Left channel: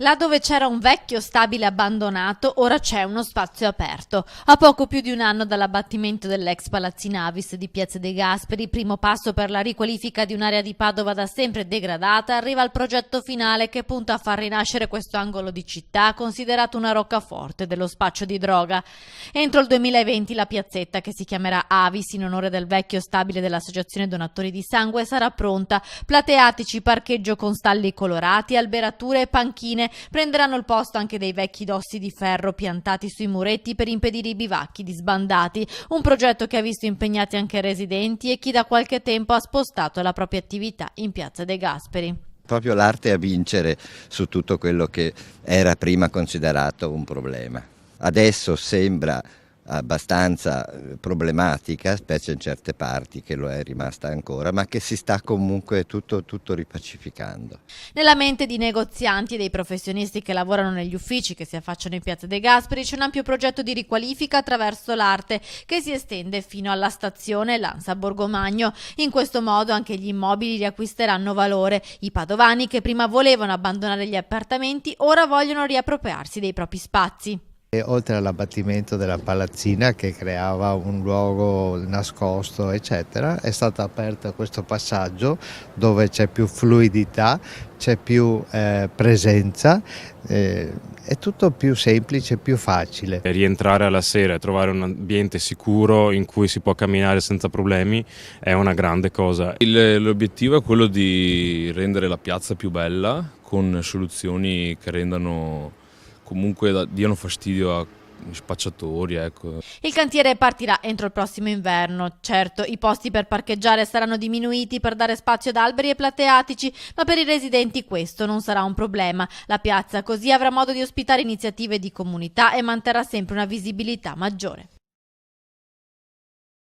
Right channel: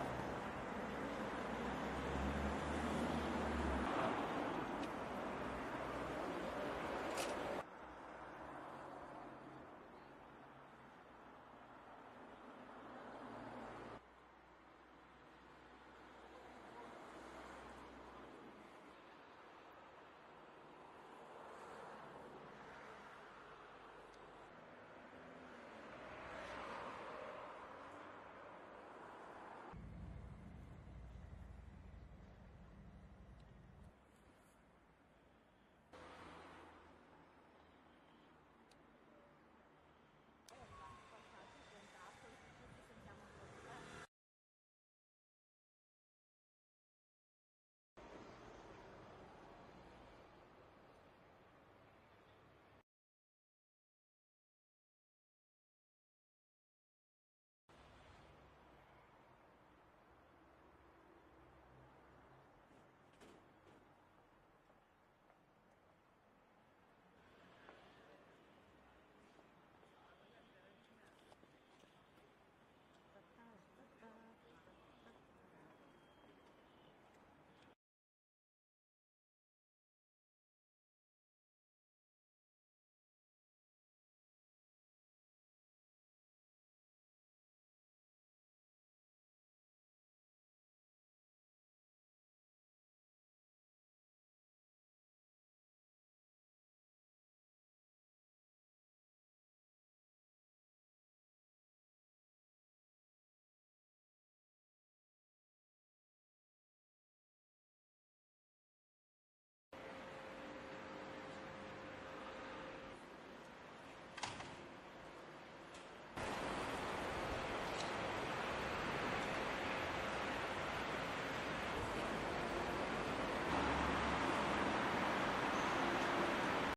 Là dove c'era un vecchio stabile abbandonato, ora c'è uno spazio aperto. A poco più di un anno dall'abbattimento dell'ex Palazzina Avis di Piazza De Gasperi, primo passo per la riqualifica di un'area di Padova da sempre degradata, arriva il progetto finale che punta a far rinascere questo angolo di città, considerato una roccaforte dello spaccio di droga. Entro il 2020 la piazzetta, che si chiamerà Avis in onore del vecchio stabile dell'Associazione Donatori di Sangue, sarà pronta. Plateatici, parcheggio con stalli colorati, alberature e panchine prenderanno il posto anche dei vecchi dossi di ferro piantati sui muretti per impedire i bivacchi di sbandati, un progetto che ha visto impegnati anche residenti e chi da qualche tempo ha spostato la propria attività in Piazza De Gasperi. Proprio l'arte a vincere su tutto quello che era prima considerato un problema. Adesso sembra abbastanza problematica, specie in certe parti che lo è rimasta ancora, ma che si sta comunque tutto ripacificando. Nella mente di negozianti e dei professionisti che lavorano negli uffici che si affacciano in Piazza De Gasperi c'è un ampio progetto di riqualifica attraverso l'arte che si estende fino alla stazione Lanza Borgomagno. In questo modo anche gli immobili riacquisteranno valore. I padovani che prima volevano abbandonare gli appartamenti ora vogliono riappropriarsi dei propri spazi. E oltre all'abbattimento della palazzina che creava un luogo nascosto eccetera, è stato aperto questo passaggio dove c'è più fluidità, c'è più presenza, è tutto più semplice, più facile. Rientrare alla sera e trovare un ambiente sicuro in cui si può camminare senza problemi è una grande cosa. L'obiettivo è quello di rendere la piazza più bella con soluzioni che rendano comunque diano fastidio a spacciatori, ecco. Il cantiere partirà entro il prossimo inverno. Certo, i posti per parcheggiare saranno diminuiti per dare spazio ad alberi e plateatici, ma per i residenti questo non sarà un problema. La piazza così avrà modo di ospitare iniziative di comunità e manterrà sempre una visibilità maggiore.